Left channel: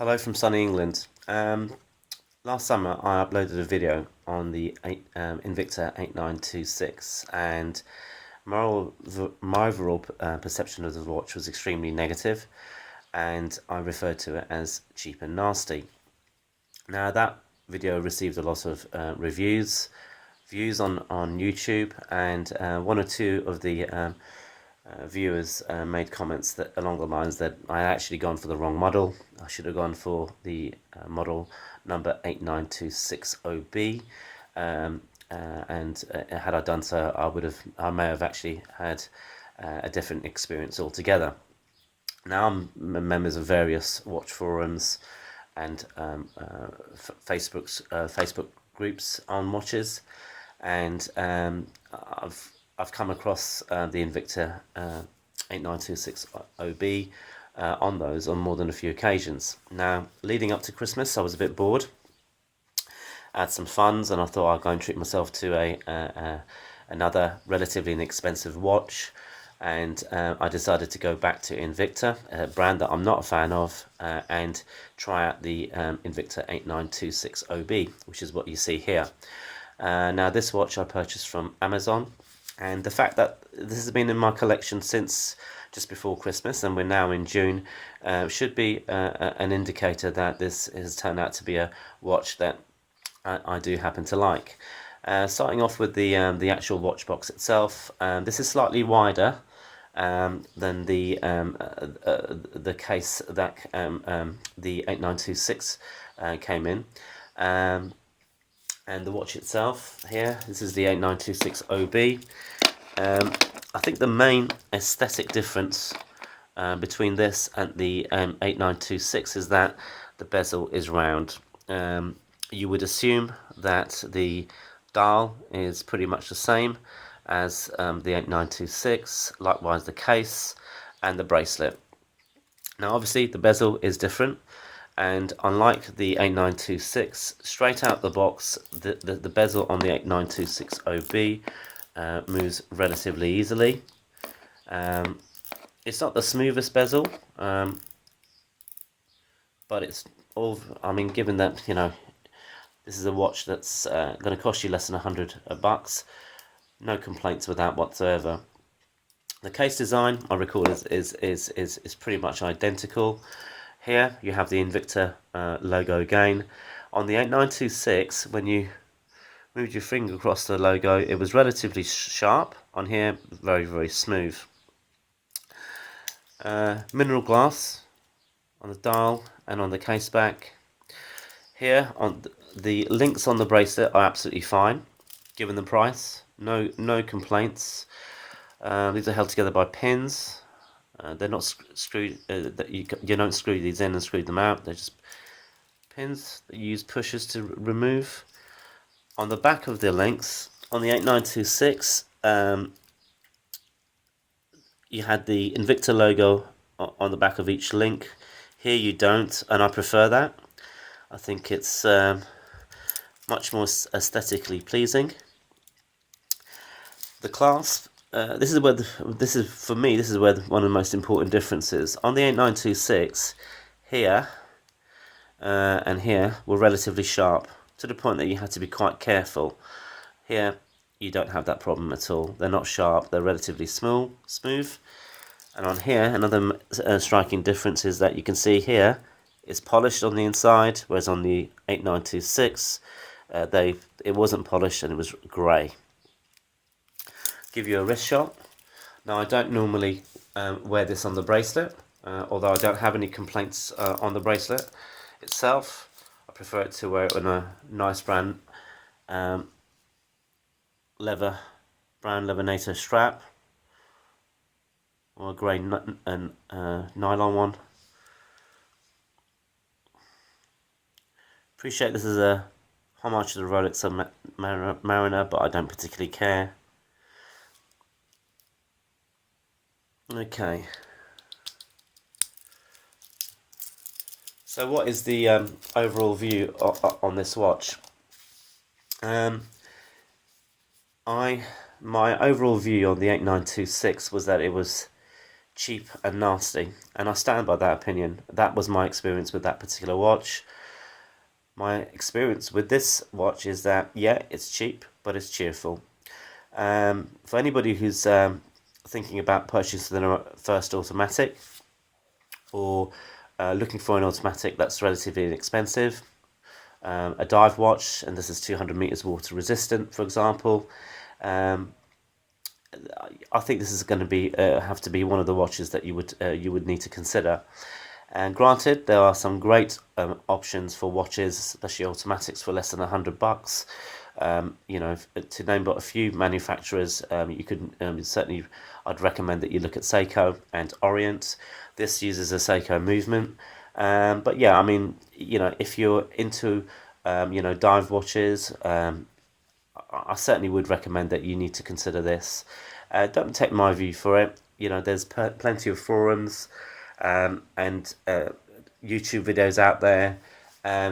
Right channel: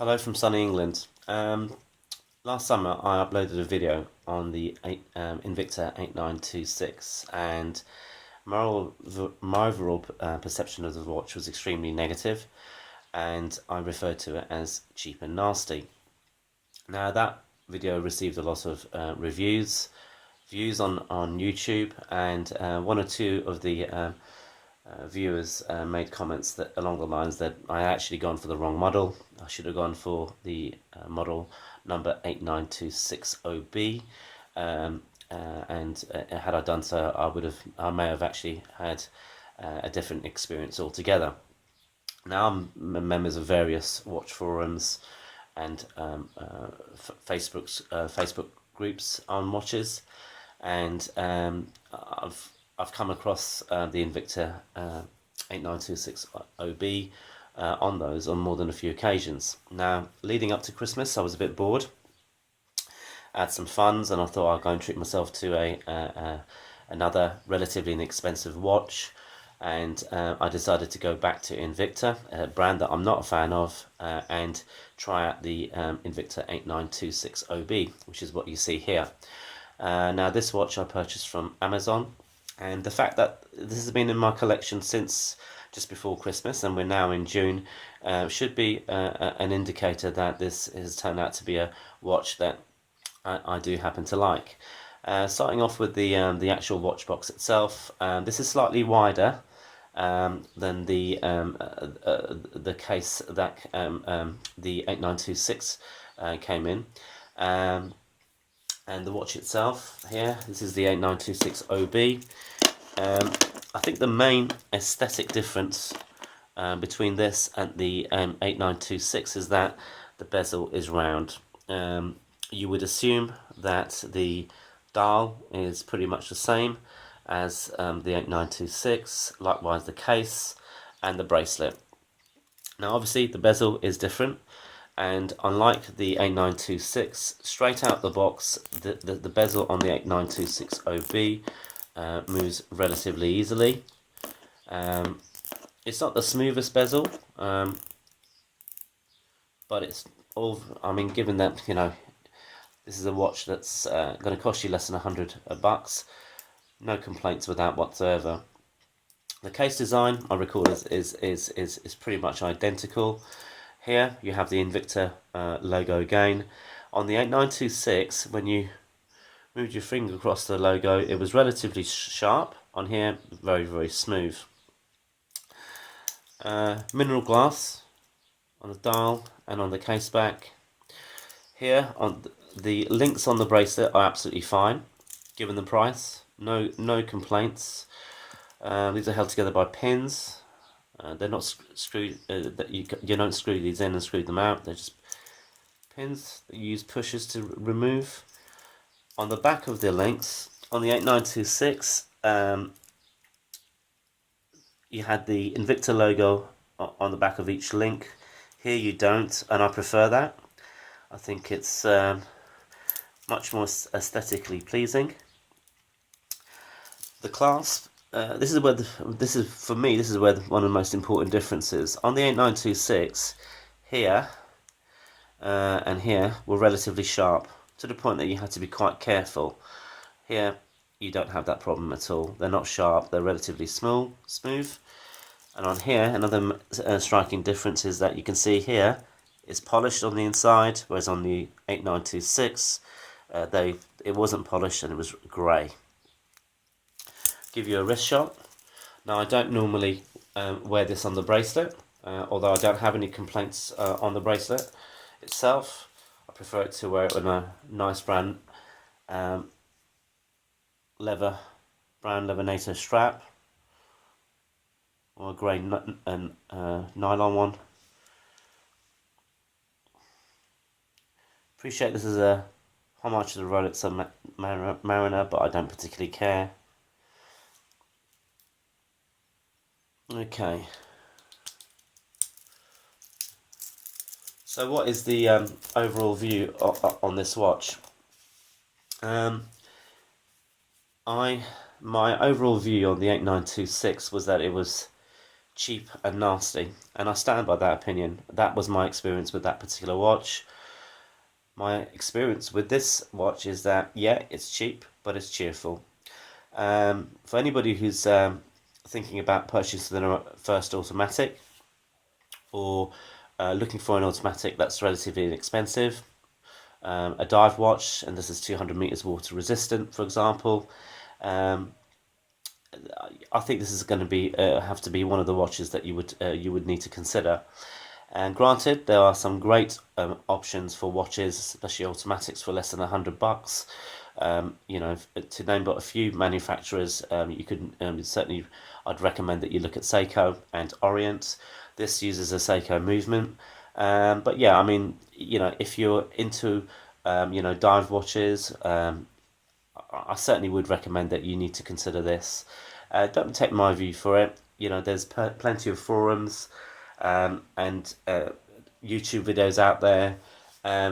Hello from sunny England. Last summer I uploaded a video on the Invicta 8926 and my overall perception of the watch was extremely negative, and I referred to it as cheap and nasty. Now that video received a lot of views on YouTube, and one or two of the viewers made comments that along the lines that I had actually gone for the wrong model. I should have gone for the model number 89260B, and had I done so, I may have actually had a different experience altogether. Now I'm members of various watch forums and Facebook groups on watches, and I've come across the Invicta 89260B on those on more than a few occasions. Now, leading up to Christmas, I was a bit bored. I had some funds, and I thought I'd go and treat myself to another relatively inexpensive watch, and I decided to go back to Invicta, a brand that I'm not a fan of, and try out the Invicta 89260B, which is what you see here. Now, this watch I purchased from Amazon, and the fact that this has been in my collection since just before Christmas, and we're now in June, should be an indicator that this has turned out to be a watch that I do happen to like. Starting off with the actual watch box itself, this is slightly wider than the case that the 8926 came in. And the watch itself here, this is the 8926OB. I think the main aesthetic difference between this and the 8926 is that the bezel is round. You would assume that the dial is pretty much the same as the 8926, likewise the case and the bracelet. Now obviously the bezel is different, and unlike the 8926, straight out the box, the bezel on the 8926OB moves relatively easily. It's not the smoothest bezel, but it's all, I mean, given that, you know, this is a watch that's going to cost you less than $100, no complaints with that whatsoever. The case design, I recall, is pretty much identical. Here you have the Invicta logo again. On the 8926, when you moved your finger across the logo, it was relatively sharp. On here, very, very smooth. Mineral glass on the dial and on the case back. Here, on the links on the bracelet are absolutely fine, given the price. No complaints. These are held together by pins. They're not screwed. You don't screw these in and screw them out. They're just pins that you use pushers to remove. On the back of the links, on the 8926, you had the Invicta logo on the back of each link. Here you don't, and I prefer that. I think it's much more aesthetically pleasing. The clasp, this is where for me one of the most important differences. On the 8926, here and here were relatively sharp, to the point that you had to be quite careful. Here you don't have that problem at all. They're not sharp, they're relatively smooth. And on here, another striking difference is that you can see here it's polished on the inside, whereas on the 8926 it wasn't polished and it was grey. Give you a wrist shot. Now I don't normally wear this on the bracelet, although I don't have any complaints on the bracelet itself. I prefer it to wear it with a nice brown leather NATO strap, or a grey nylon one. Appreciate this is a homage to the Rolex Mariner, but I don't particularly care. Okay. So what is the overall view on this watch? My overall view on the 8926 was that it was cheap and nasty, and I stand by that opinion. That was my experience with that particular watch. My experience with this watch is that, yeah, it's cheap, but it's cheerful. For anybody who's thinking about purchasing their first automatic, or looking for an automatic that's relatively inexpensive, a dive watch, and this is 200 meters water resistant, for example, I think this is going to be have to be one of the watches that you would need to consider. And granted, there are some great options for watches, especially automatics, for less than $100. You know, to name but a few manufacturers, you could certainly, I'd recommend that you look at Seiko and Orient. This uses a Seiko movement, but yeah, I mean, you know, if you're into you know, dive watches, I certainly would recommend that you need to consider this. Don't take my view for it. You know, there's plenty of forums and YouTube videos out there.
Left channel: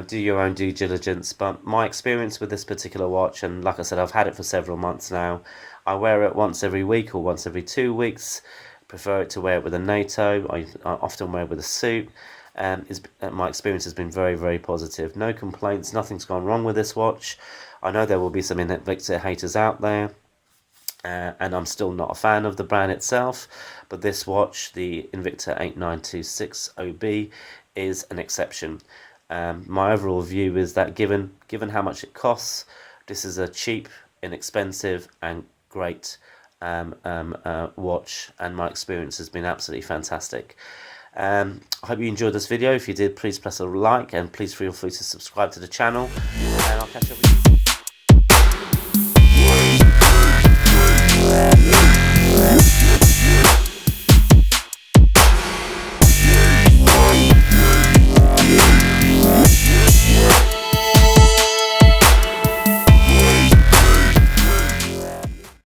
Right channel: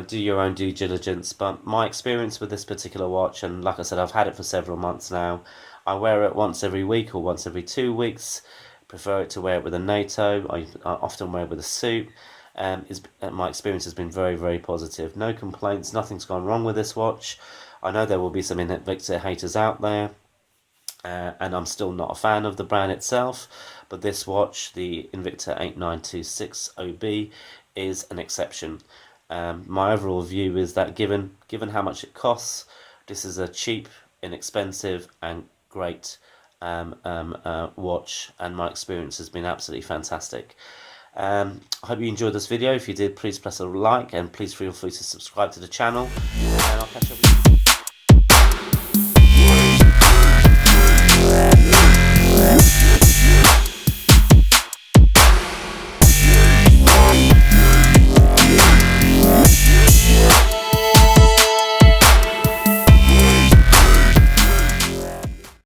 Do your own due diligence. But my experience with this particular watch, and like I said, I've had it for several months now. I wear it once every week or once every 2 weeks. Prefer it to wear it with a NATO. I often wear it with a suit. My experience has been very, very positive. No complaints. Nothing's gone wrong with this watch. I know there will be some Invicta haters out there, and I'm still not a fan of the brand itself, but this watch, the Invicta 8926 OB, is an exception. My overall view is that given how much it costs, this is a cheap, inexpensive and great watch, and my experience has been absolutely fantastic. I hope you enjoyed this video. If you did, please press a like, and please feel free to subscribe to the channel, and I'll catch up with you.